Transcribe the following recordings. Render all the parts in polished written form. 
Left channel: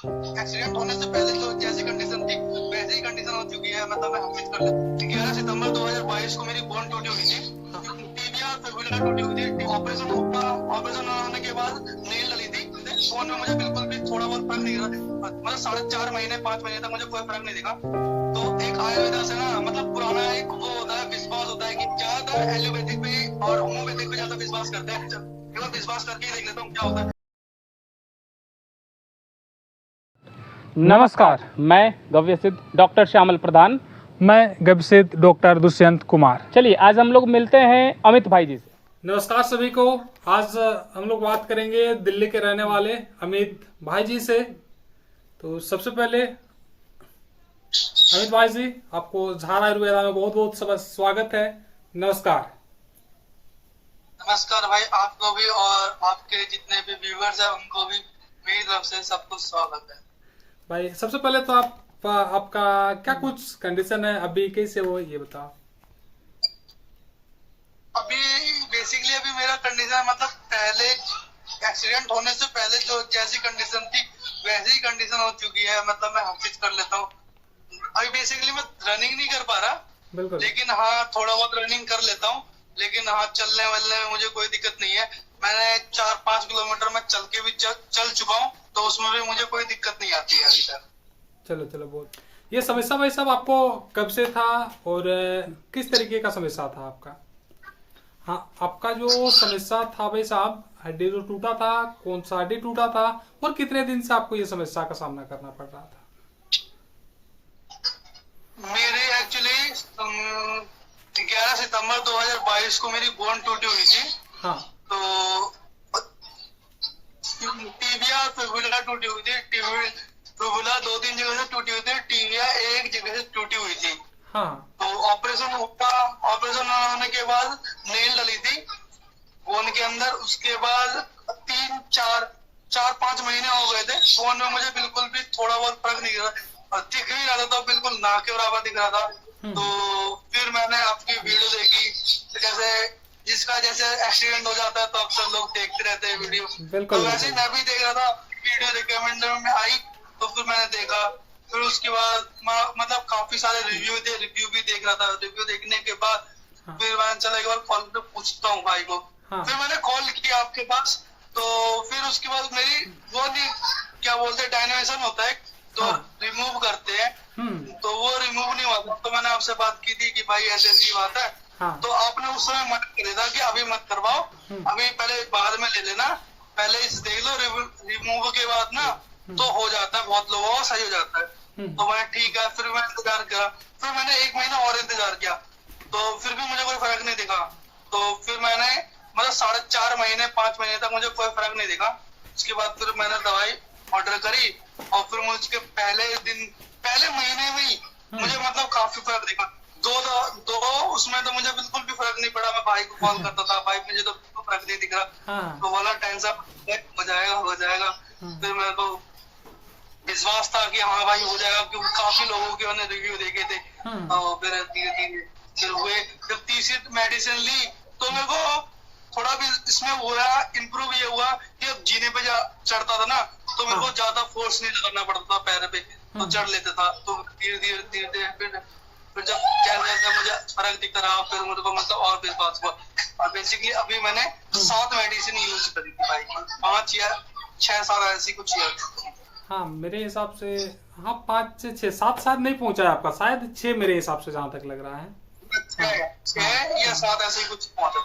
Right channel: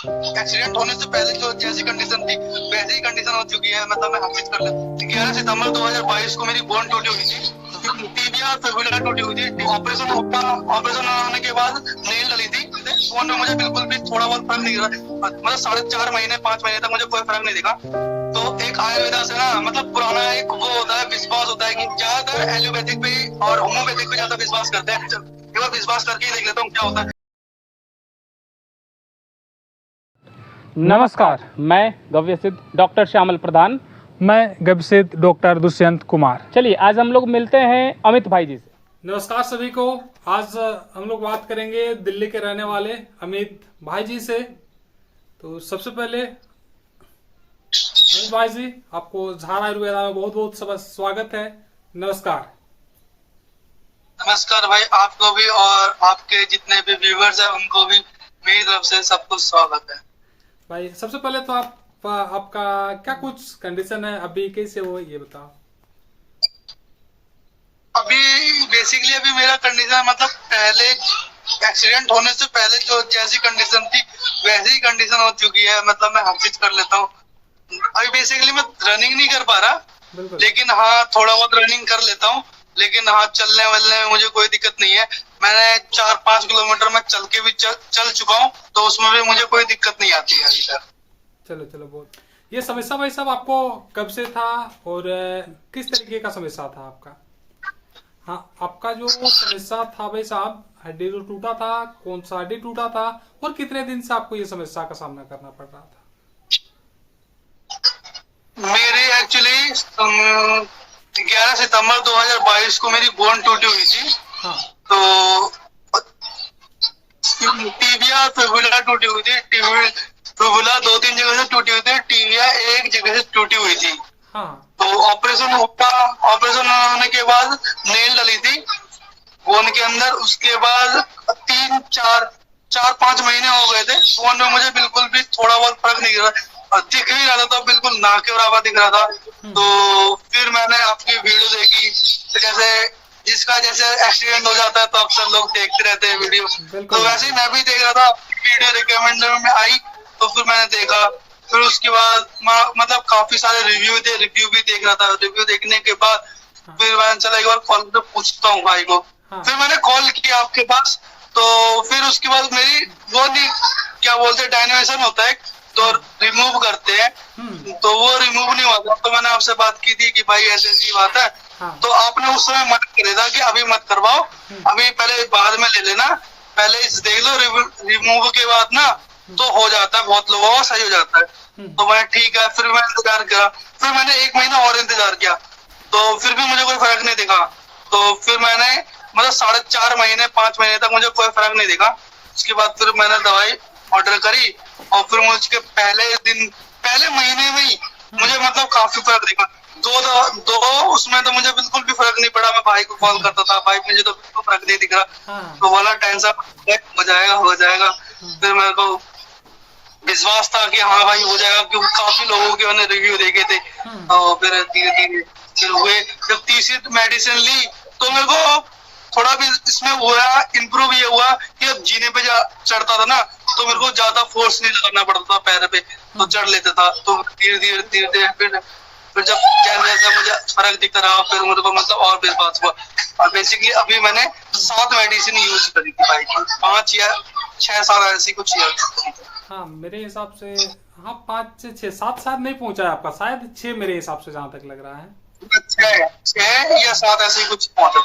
Accident होने से पहले जो जैसी कंडीशन थी वैसी ही कंडीशन हो चुकी है। मतलब मैं हाफिज कर लेता। 11 सितंबर 2022 को मेरी बोन टूटी हुई थी, टीबिया फिबुला टूटी हुई थी। ऑपरेशन होने के बाद नील डली थी। फोन में मुझे बिल्कुल भी थोड़ा बहुत फर्क नहीं दिखा। मतलब 4.5 महीने 5 महीने तक मुझे कोई फर्क नहीं दिखा। तो एक आयुर्वेदा से ना मतलब पुराना एक वो होता है, विश्वास होता है कि ज्यादातर एलोपैथिक पे और होम्योपैथिक पे ज्यादा विश्वास करते हैं। एक बार विश्वास करके ही देख लेता हूँ क्या होता है। नमस्कार, मैं गव्य सिद्ध डॉक्टर श्यामल प्रधान। मैं गव्यसिद्ध डॉक्टर दुष्यंत कुमार। चलिए आज हम लोग मिलते हैं अमित भाई जी से। नमस्कार सभी को। आज हम लोग बात करेंगे दिल्ली के रहने वाले अमित भाई जी से। तो सबसे पहले अमित भाई जी, आपको झार आयुर्वेदा में बहुत बहुत स्वागत है। नमस्कार। नमस्कार भाई, आपको भी और आपके जितने भी व्यूवर्स हैं उनको भी मेरी तरफ से सबको स्वागत है। भाई सबसे पहले तो आपका क्या कुछ कंडीशन है, अभी कैसे हो ये बताओ। अभी बेसिकली अभी मेरा कंडीशन मतलब पहले एक्सीडेंट होने से पहले जो जैसी कंडीशन थी वैसी ही कंडीशन हो चुकी है। मतलब मैं हाफिज कर लेता हूँ। अभी बेसिकली मैं रनिंग नहीं कर पा रहा, लेकिन हाँ थोड़ा बहुत रनिंग कर लेता हूँ। लेकिन हाँ चलने वलने में मुझे कोई दिक्कत नहीं है। मैंने 4-5 किलोमीटर में चल के भी चल चुका हूँ, तो उसमें भी मुझे कोई दिक्कत नहीं आती है अभी तक। चलो बहुत। ये समस्या भाई साहब आपको कब से था और किस तरीके का समस्या था आपका? हाँ, आपका जो समस्या था भाई साहब, हड्डी जो टूटा था, कौन सा हड्डी टूटा था और कितने दिन से आपको ये समस्या का सामना करना पड़ रहा था? मेरी एक्चुअली 11 सितंबर 2022 को मेरी बोन टूटी हुई थी। हाँ। तो टीबिया फिबुला टूटी हुई थी। फिबुला 2-3 जगह से टूटी हुई थी, टीबिया एक जगह से टूटी हुई थी। हाँ। तो ऑपरेशन होने के बाद नेल डली थी बोन के अंदर। उसके बाद 4-5 महीने हो गए थे। बोन में मुझे बिल्कुल भी थोड़ा बहुत फर्क नहीं दिख ही रहा था, बिल्कुल ना के बराबर दिख रहा था। तो फिर मैंने आपकी वीडियो देखी, तो जैसे जिसका जैसे एक्सीडेंट हो जाता है तो अक्सर लोग देखते रहते हैं वीडियो, तो वैसे ही मैं भी देख रहा था। वीडियो रिकमेंड में आई तो फिर मैंने देखा। फिर उसके बाद मतलब काफी सारे रिव्यू थे, रिव्यू भी देख रहा था। रिव्यू देखने के बाद फिर मैंने चला एक बार कॉल पे पूछता हूँ भाई को। फिर मैंने कॉल किया आपके पास। तो फिर उसके बाद मेरी वो नहीं क्या बोलते डायनेशन होता है तो रिमूव करते हैं, तो वो रिमूव नहीं हुआ। तो मैंने आपसे बात की थी कि भाई ऐसी बात है। तो आपने उस समय मना कर था कि अभी मत करवाओ, अभी पहले बाद में ले लेना, पहले इस देख लो, रिमूव के बाद ना तो हो जाता है, बहुत लोगों का सही हो जाता है। तो मैं ठीक है, फिर मैं इंतजार किया। फिर मैंने 1 महीना और इंतजार किया, तो फिर भी मुझे कोई फर्क नहीं दिखा। तो फिर मैंने मतलब 4.5 महीने 5 महीने तक मुझे कोई फर्क नहीं दिखा। उसके बाद फिर मैंने दवाई ऑर्डर करी और फिर मुझे पहले महीने में ही मुझे मतलब काफी फर्क दिखा। दो उसमें तो मुझे बिल्कुल भी फर्क नहीं पड़ा। मैं भाई को कॉल करता था, भाई मुझे तो बिल्कुल फर्क नहीं दिख रहा। तो बोला टेंशन हो जाएगा। फिर मेरे को विश्वास था कि हाँ भाई हो जाएगा, क्योंकि काफी लोगों के मैंने रिव्यू देखे थे। और फिर धीरे धीरे फिर हुए। जब तीसरी मेडिसिन ली तो मेरे को थोड़ा भी इसमें हुआ इम्प्रूव ये हुआ कि अब जीने पे चढ़ता था ना तो मेरे को ज्यादा फोर्स नहीं लगाना पड़ता था पैर पे, तो चढ़ लेता था। तो धीरे धीरे फिर जब जैसे मुझे फर्क दिखता रहा फिर मेरे को मतलब और विश्वास हुआ। और बेसिकली अभी मैंने 7 मेडिसिन यूज करी थी भाई, 5 या 6 साल ऐसी कुछ। हाँ मेरे हिसाब से हाँ 5 से 6 7 शायद नहीं पहुंचा है आपका, शायद 6 मेरे हिसाब से जहाँ तक लग रहा है। 6 या 7 ऐसे कुछ पहुंचा।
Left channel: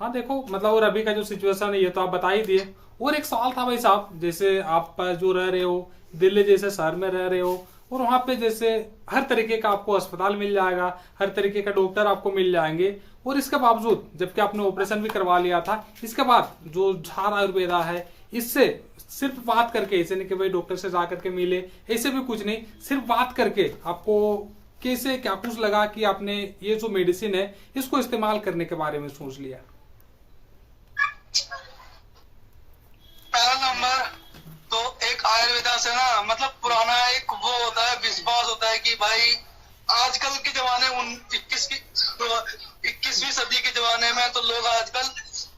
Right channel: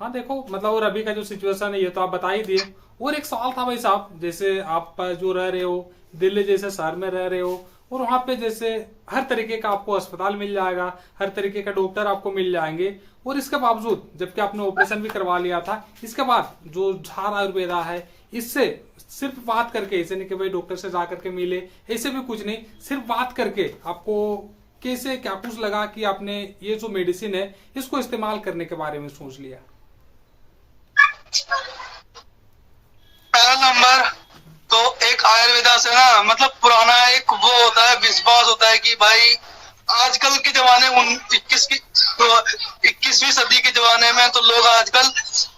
हाँ देखो मतलब और अभी का जो सिचुएशन है ये तो आप बता ही दिए। और एक सवाल था भाई साहब, जैसे आप जो रह रहे हो दिल्ली जैसे शहर में रह रहे हो और वहाँ पे जैसे हर तरीके का आपको अस्पताल मिल जाएगा, हर तरीके का डॉक्टर आपको मिल जाएंगे, और इसके बावजूद जबकि आपने ऑपरेशन भी करवा लिया था, इसके बाद जो झार आयुर्वेदा है इससे सिर्फ बात करके, ऐसे नहीं कि भाई डॉक्टर से जा करके मिले, ऐसे भी कुछ नहीं, सिर्फ बात करके आपको कैसे क्या कुछ लगा कि आपने ये जो मेडिसिन है इसको इस्तेमाल करने के बारे में सोच लिया? पहला नंबर तो एक आयुर्वेदा से ना मतलब पुराना एक वो होता है, विश्वास होता है कि भाई आजकल के जमाने 21वीं सदी के जमाने में तो लोग आजकल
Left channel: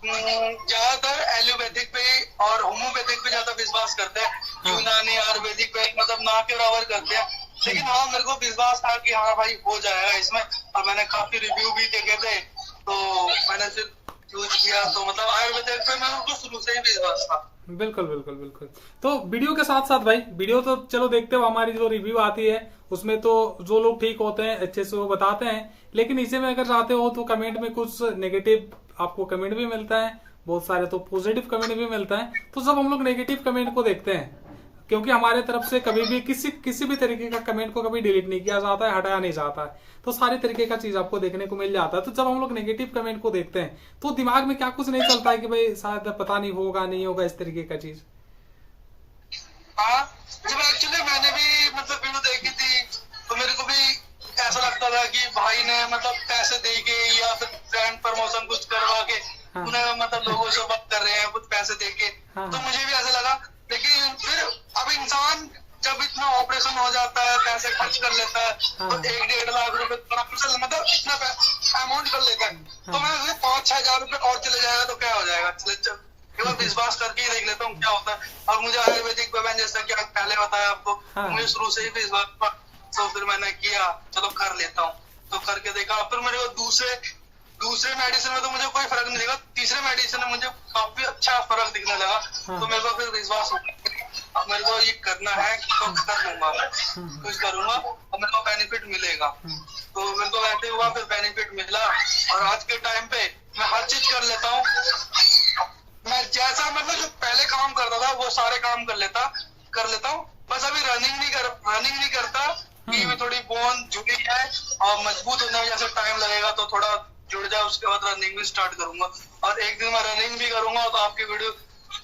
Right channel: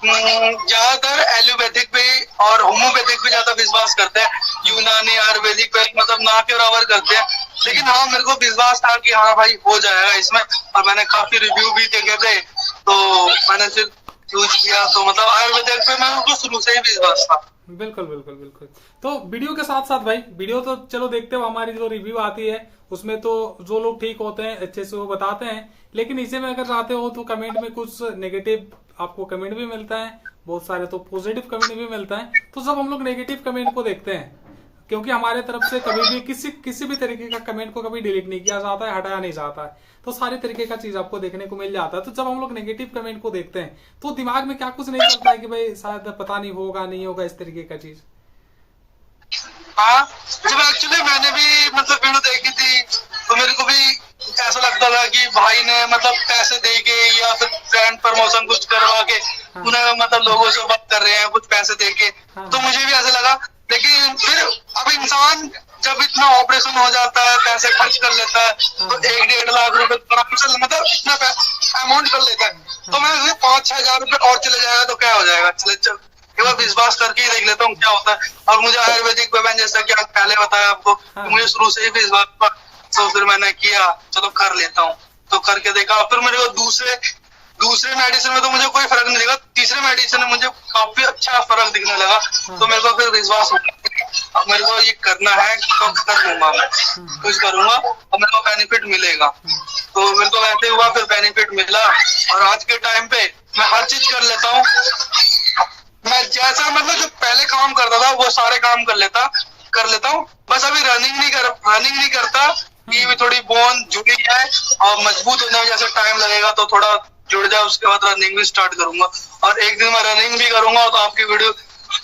ज्यादातर एलोपैथिक पे और होम्योपैथिक पे ज्यादा विश्वास करते हैं। यूनानी आयुर्वेदिक पे मतलब ना के बराबर करते हैं। लेकिन हाँ मेरे को विश्वास था कि हाँ भाई हो जाएगा इसमें, और मैंने काफी रिव्यू भी देखे थे तो मैंने फिर यूज किया। तो मतलब आयुर्वेदिक पे मैं उनको शुरू से ही विश्वास था। बिल्कुल बिल्कुल बिल्कुल। तो वीडियो के साथ साथ भाई, वीडियो तो चलो देखते हो, हमारी जो रिव्यू आती है उसमें तो जो लोग ठीक होते हैं अच्छे से वो बताते हैं, लेकिन इसे में अगर चाहते हो तो कमेंट में कुछ नेगेटिव आपको कमेंट भी मिलता है, बहुत सारे तो पॉजिटिव कमेंट भी मिलता है। तो जब हम लोग नेगेटिव कमेंट को देखते हैं, क्योंकि हमारे तरफ से कभी भी किसी भी तरीके का कमेंट को कभी डिलीट नहीं किया जाता है, हटाया नहीं जाता है, तो सारे तरीके का चीज आपको देखने को मिल जाता है। तो जब हम लोग नेगेटिव कमेंट को देखते हैं तो दिमाग में क्या कुछ नहीं चलता है कि भाई शायद पता नहीं होगा नहीं होगा इस तरीके का चीज? हाँ जब एक्चुअली मैंने भी मतलब वीडियो देखी थी तो मेरे को भी ऐसा लगता था कि भाई ने मतलब पैसे दे के या फिर ब्रांड प्रमोशन कुछ करवा के उन्हें मतलब लोगों से बात कर रहे हैं कुछ पैसे दे के, तो मुझे भी ऐसा लगा। लेकिन फिर अब इंसान जब इतना ऑपरेशन हो जाता है, पैसे खर्च कर लेता है, तो 1-1.5 लाख रुपए मतलब इतना अमाउंट कर लेता है, तो मैं 5-6 हजार रुपए और चले जाएगा तो क्या हो जाएगा, चले चल एक बार विश्वास करके ही देख लेता हूँ क्या होता है। और मुझे आयुर्वेदिक वेबन जैसा कि आज पहले बताया आपको, तो मुझे शुरू से ही विश्वास था, तो फिर मैंने किया चलो कर लेता हूँ। तो करके देखा, फिर मेरे को दूसरे मेडिसिन में तो मुझे कोई फर्क नहीं दिखा, तीसरे मेडिसिन में मुझे काफी अच्छा फर्क दिखने लगा। तो मेरे को फिर विश्वास हो गया अब मेरे को ये करना है तो कर लूंगा, मैं कुछ करूंगा और मेरे को बेनिफिट मिलेगा। तो मेरे को वैसे हुआ, फिर बेनिफिट मिला और आज के टाइम पे मैं हर चीज कर लेता हूँ। मैं जैसा मतलब जो पहले काम करता था वो सारे काम कर लेता हूँ। बस अभी रनिंग नहीं करता कि भी थोड़ी बोन जुड़ी है और मजबूत होने में जैसे टाइम लगेगा तो थोड़ा जुड़ जाए, उसके बाद रनिंग भी स्टार्ट करूंगा। और एक दिन मैं रनिंग भी करूंगा तो आपकी वीडियो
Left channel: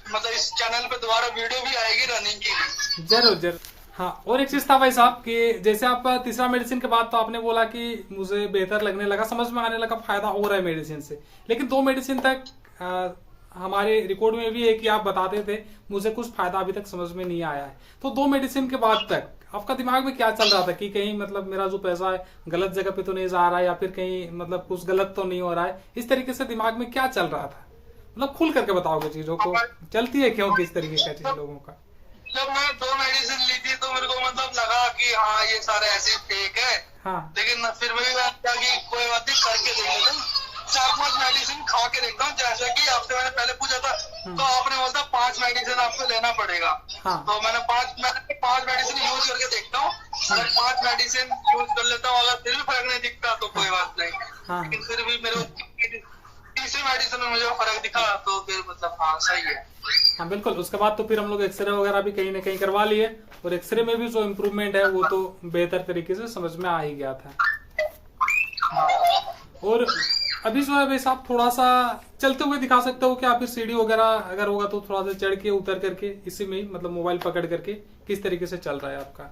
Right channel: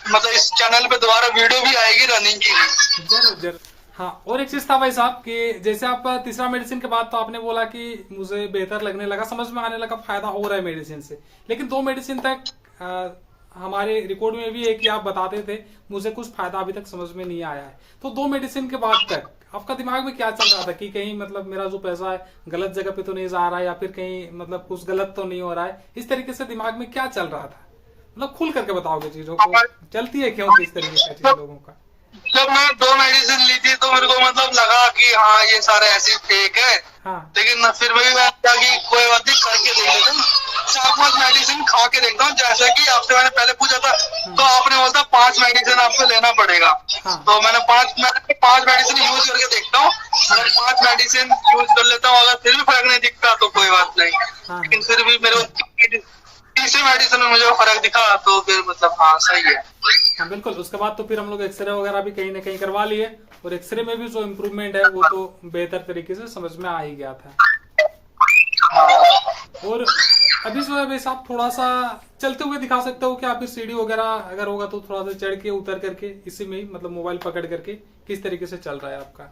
मतलब इस चैनल पे दोबारा वीडियो भी आएगी रनिंग की भी। जरूर जरूर। हाँ, और एक चीज था भाई साहब कि जैसे आप तीसरा मेडिसिन के बाद तो आपने बोला कि मुझे बेहतर लगने लगा, समझ में आने लगा, फायदा हो रहा है मेडिसिन से, लेकिन 2 मेडिसिन तक हमारे रिकॉर्ड में भी है कि आप बताते थे मुझे कुछ फायदा अभी तक समझ में नहीं आया है। तो 2 मेडिसिन के बाद तक आपका दिमाग में क्या चल रहा था कि कहीं मतलब मेरा जो पैसा है गलत जगह पे तो नहीं जा रहा है, या फिर कहीं मतलब कुछ गलत तो नहीं हो रहा है, इस तरीके से दिमाग में क्या चल रहा था? मतलब खुल करके बताओगे चीजों को, चलती है क्यों किस तरीके का चीज लोगों का? जब मैं 2 मेडिसिन ली थी तो मेरे को मतलब लगा कि हाँ ये सारे ऐसे फेक है। हाँ। लेकिन फिर भी मैं कि कोई बात नहीं करके देख लेता हूँ, 4-5 मेडिसिन खा के देखता हूँ। जैसा कि आपसे मैंने पहले पूछा था तो आपने बोला 5 मेडिसिन आपको लेना पड़ेगा। हाँ। तो मैंने 5 मेडिसिन यूज करके देखता हूँ, अगर 5 मेडिसिन यूज कर लेता हूँ, अगर फिर भी फर्क नहीं दिखता तो कोई बात नहीं। हाँ। लेकिन फिर भी मेरे तीसरे मेडिसिन में मुझे फर्क दिखा तो फिर मतलब हाँ सही है। हाँ बिल्कुल। उसके बाद तो फिर हम लोग एक्सरे वगैरह भी कहीं ना कहीं करवा लिए, और एक्सरे में भी जो इम्प्रूवमेंट है वो तो बेहतर तरीके से समझ में आ ही गया था। और अभी जो है भाई साहब थोड़ा सा चलते हुए दिखा सकते हो क्या? फिर सीढ़ी वगैरह अगर होगा तो थोड़ा सा चढ़ के उतर करके इसी में ही मतलब मोबाइल पकड़ करके किस तरीके से चल रहा है आपका?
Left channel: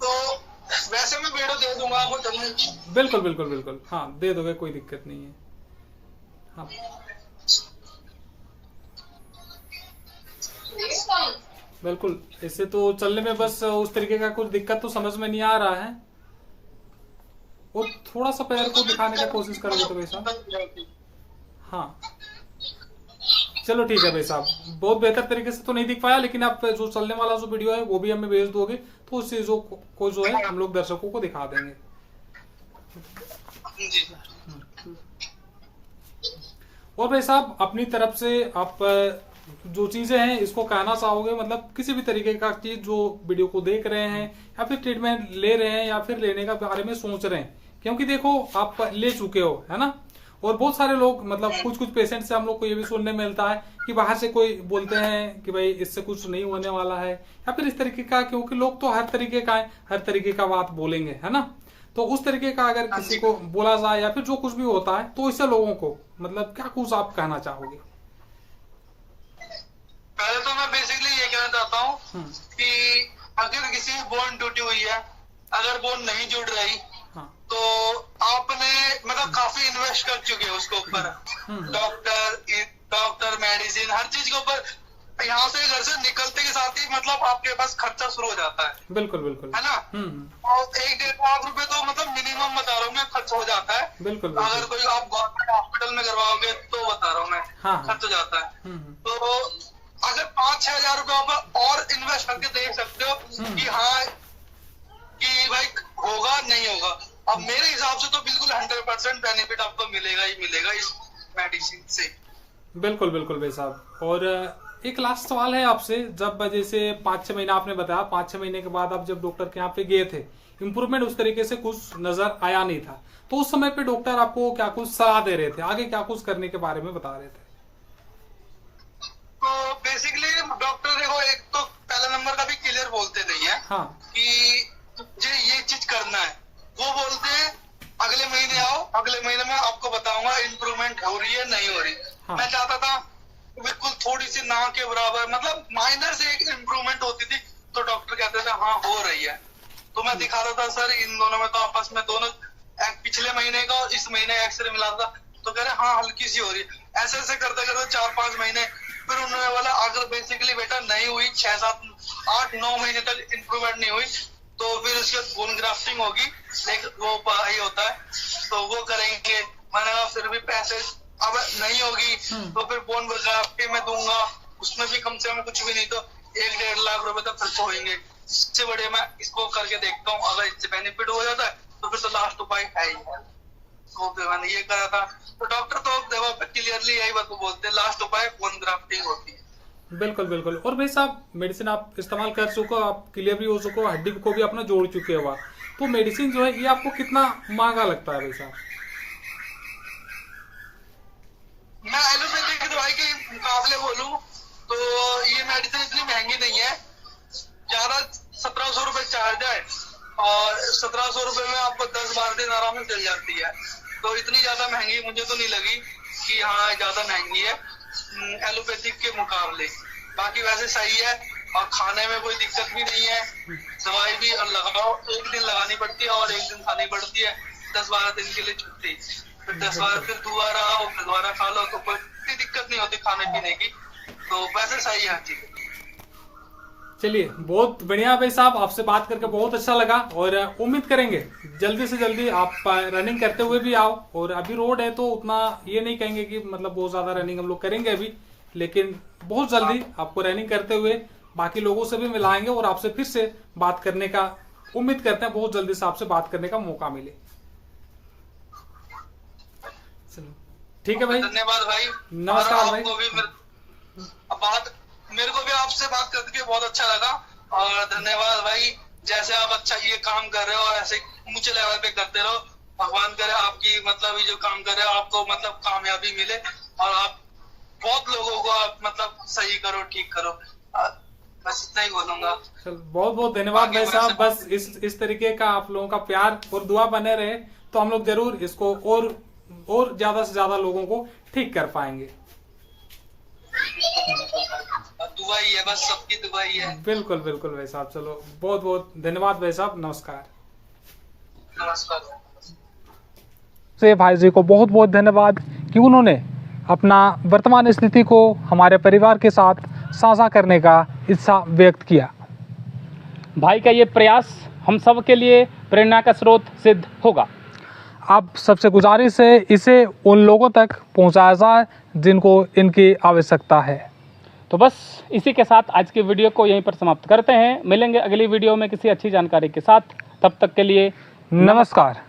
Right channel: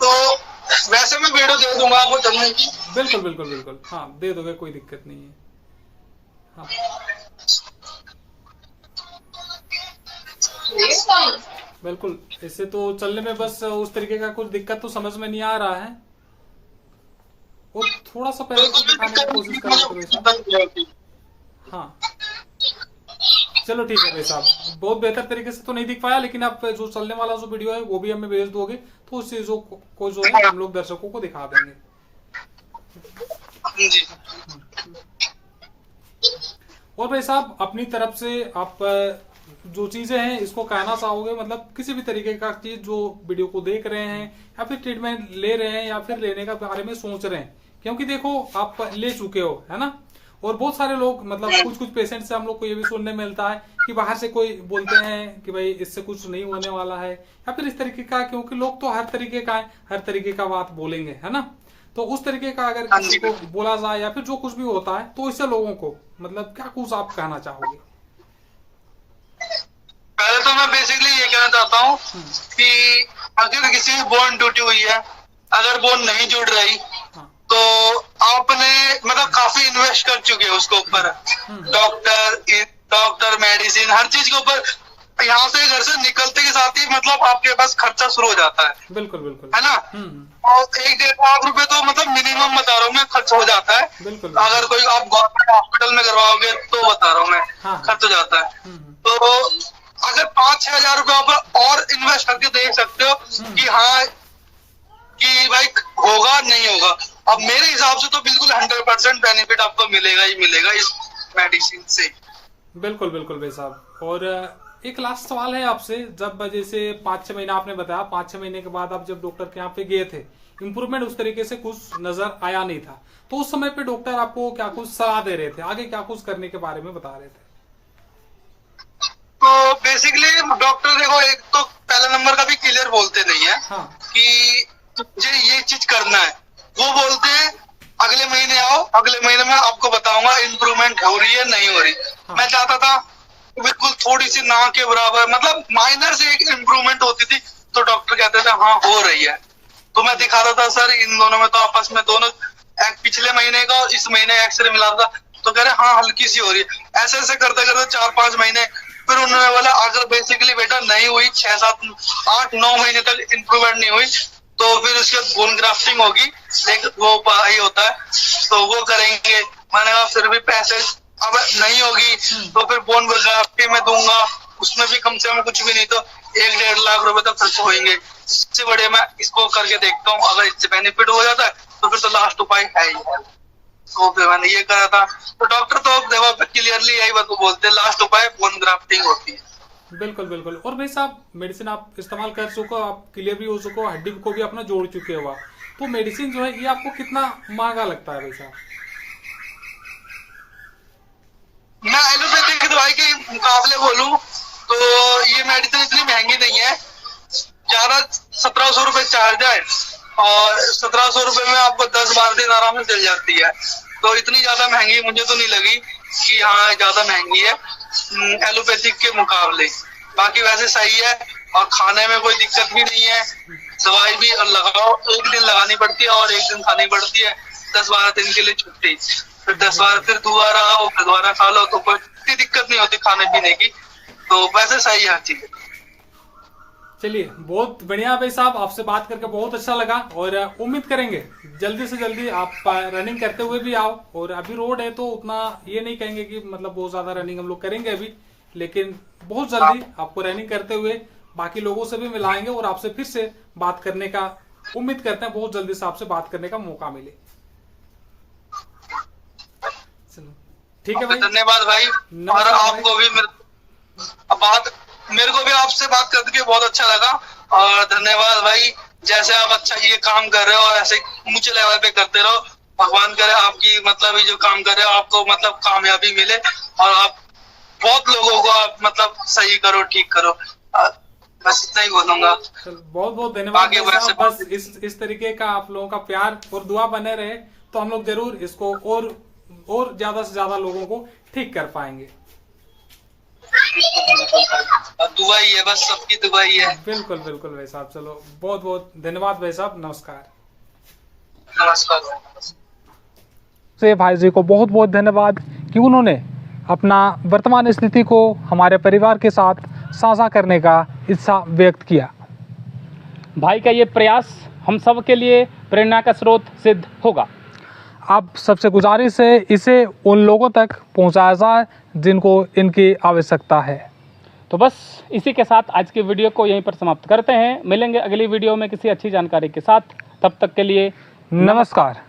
तो वैसे मैं वीडियो दे दूंगा आपको चलने की। बिल्कुल बिल्कुल बिल्कुल, हाँ दे दोगे, कोई दिक्कत नहीं है। हाँ बिल्कुल, ऐसे तो चलने में बस उस तरीके का कुछ दिक्कत तो समझ में नहीं आ रहा है, और थोड़ा सा पैर को दिखाने की कोशिश करोगे तो भाई साहब। हाँ चलो ठीक है भाई साहब, बहुत बेहतर तरीके से तो नहीं दिख पाया, लेकिन आप जो चलने वाला जो वीडियो है वो भी हमें भेज दोगे तो उस चीजों को जो है हम लोग दर्शकों को दिखा देंगे। और भाई साहब अपनी तरफ से आप जो चीजें हैं इसको कहना चाहोगे, मतलब किसी भी तरीके का चीज जो वीडियो को देख रहे हैं या फिर ट्रीटमेंट ले रहे हैं या फिर लेने का बारे में सोच रहे हैं, क्योंकि देखो आप ले चुके हो है ना, और बहुत सारे लोग मतलब कुछ पेशेंट से हम लोग को ये भी सुनने मिलता है कि बाहर से कोई बोलते हैं कि भाई इससे कुछ नहीं होने वाला है, या फिर इस तरीके का, क्योंकि लोग तो हर तरीके का है, हर तरीके का बात बोलेंगे है ना। तो उस तरीके का अगर किसी को बोला जाए या फिर जो कुछ भी होता है तो इससे लोगों को मतलब क्या कुछ आप कहना चाहोगे? पहले तो मैं बेसिकली ये कहना चाहता हूँ कि अगर किसी की बोन टूटी हुई है, अगर बोन नहीं जुड़ रही तो आपने मतलब काफी इन्वेस्ट कर चुके हैं उसके ऊपर, डॉक्टर मेडिसिन हर चीज के ऊपर यहाँ से घर से निकलते के साथ ही मतलब आपके पास खर्चा शुरू हो जाता है, बिल्कुल बिल्कुल। है ना। और 1-1.5 लाख रुपए तो मतलब मिनिमम बता रहा हूँ मैं, खर्च हो जाता है। बिल्कुल अगर कोई आप गवर्नमेंट हॉस्पिटल में करवाओगे तो बता रहा हूँ मैं, हाँ। खर्च हो जाता है। तो अगर 5-6 हजार रुपए आप और इन्वेस्ट करके देख सकते हो कि हाँ कि भाई होगा नहीं होगा। अब मेरे हिसाब से तो बिल्कुल 100% बेनिफिट आपको मिलेगा ही मिलेगा इस मेडिसिन से। बिल्कुल बिल्कुल भाई साहब। और एक लास्ट सवाल है आपसे, जब जैसे 5-6 महीना आपने बताया, 5-6 महीने के बाद आप जब डॉक्टर के यहाँ पे गए थे, इम्प्रूवमेंट उस तरीके से कुछ नजर आया नहीं था, तो उस समय पे डॉक्टर आपको क्या कुछ सलाह दे रहे थे, आगे क्या कुछ करने के बारे में बता रहे थे? तो बेसिकली डॉक्टर देखो, एक तो पहला नंबर का भी क्लियर बोलते नहीं है हाँ। कि तुझे ये चीज करना है। वो बोलते हैं अगले महीने आओ, अगले महीने में आपको बताऊंगा इम्प्रूवमेंट हो रही है नहीं हो रही। हाँ। मैं चाहता था बिल्कुल थोड़ी सी ना के बराबर, मतलब माइनर से एक इम्प्रूवमेंट होती थी तो डॉक्टर कहते थे हाँ हो रही है। तो मैं दिखाता था सर इन दोनों में तो आपस में दोनों पिछले महीने का और इस महीने एक्सरे मिला था, तो कह रहे हाँ हल्की सी हो रही है। ऐसे ऐसे करते करते 4-5 महीने, फिर उन्होंने बोला अगर बेसिकली बेटा नहीं हुई 6-7-8-9 महीने तक इम्प्रूवमेंट नहीं हुई तो फिर उसके बाद बोन ग्राफ्टिंग होगी, लेकिन वो ही होता है तो वो करेंगे। मैंने कहा फिर भी पैसे अब नहीं होगी तो फिर बोन ग्राफ्टिंग में दूंगा, उसमें भी कम से कम कुछ भी नहीं तो 1-1.5 लाख रुपए तक खर्च होंगे। इससे बड़े मैं इसको करके देखता हूँ, अगर इससे बेनिफिट हो जाता है तो फिर तो लास्ट उपाय है ही है। तो फिर मैंने ये करा था। तो डॉक्टर तो देखो क्लियरली यही बात बोलते हैं, लास्ट उपाय बोन ग्राफ्टिंग होती है। बिल्कुल बिल्कुल। और भाई साहब मेडिसिन आप इस्तेमाल कर चुको, आप क्लियर भी हो चुको, हड्डी को भी अपना जोड़ चुके हो, तो मेडिसिन जो है ये आपको कितना महंगा लगता है भाई साहब? मैं एलोपैथिक की दवाई के मुकाबले बोलूं तो ये मेडिसिन इतनी महंगी नहीं है। ज्यादा 1700 रुपए चार्ज है और 1700 रुपए में आपको 10-12 दिन आराम से चल जाती है। तो इतनी ज्यादा महंगी मुझे तो नहीं लगी कि हाँ ज्यादा महंगी है एलोपैथिक के मुकाबले। बाकी वैसे सही है और खाने में कोई दिक्कत भी नहीं है। दवाई भी लगाओ, एक दिन लगानी पड़ती है और एक दिन खानी पड़ती है। 10-12 दिन के लिए छुट्टी, फिर 10-12 फिर दोबारा आओ, फिर दोबारा खा लो, तो कोई इतनी दिक्कत नहीं होती खाने पीने की। तो वैसे सही है हर चीज। चलिए बहुत बढ़िया भाई साहब, आपसे बात करके बहुत अच्छा लगा और उम्मीद करेंगे जल्दी से जल्दी आप रनिंग करते हुए भी आओ। और अभी रोड है तो उतना ये नहीं कहेंगे कि मतलब बहुत ज्यादा रनिंग हम लोग करेंगे अभी, लेकिन बहुत जल्दी आपको रनिंग करते हुए बाकी लोगों से भी मिलाएंगे और आपसे फिर से बात करने का उम्मीद करते हैं, बहुत जल्दी से आपसे बात करने का मौका मिले। चलो ठीक है भाई, धन्यवाद भाई। नमस्कार भाई। आपको भी मेरे को भी आपसे बात करके बहुत अच्छा लगा और धन्यवाद भाई। जैसे आप अच्छा ये काम कर रहे हो ऐसे ऊंचे लेवल पे करते रहो। भगवान करे आपकी मतलब ये जो काम कर रहे हो आपको मतलब कामयाबी मिले और आप बहुत लोगों को आप मतलब सही करो, ठीक करो। बस इतना ही बोलूंगा। बहुत बहुत धन्यवाद भाई साहब। बस इस तरीके का आप लोगों का प्यार और दुआ बने रहे तो हम लोग जरूर इसको और ज्यादा से ज्यादा लोगों को ठीक कर पाएंगे। दुआ ही है, बस सबकी दुआ ही है। बिल्कुल बिल्कुल भाई साहब। चलो बहुत बहुत धन्यवाद भाई साहब, नमस्कार। नमस्कार से भाई जी को बहुत बहुत धन्यवाद कि उन्होंने अपना वर्तमान स्थिति को हमारे परिवार के साथ साझा करने का इच्छा व्यक्त किया। भाई का ये प्रयास हम सब के लिए प्रेरणा का स्रोत सिद्ध होगा। अब सबसे गुजारिश है इसे उन लोगों तक पहुंचाया जाए जिनको इनकी आवश्यकता है। तो बस इसी के साथ आज की वीडियो को यहीं पर समाप्त करते हैं। मिलेंगे अगली वीडियो में किसी अच्छी जानकारी के साथ। तब तक के लिए नमस्कार।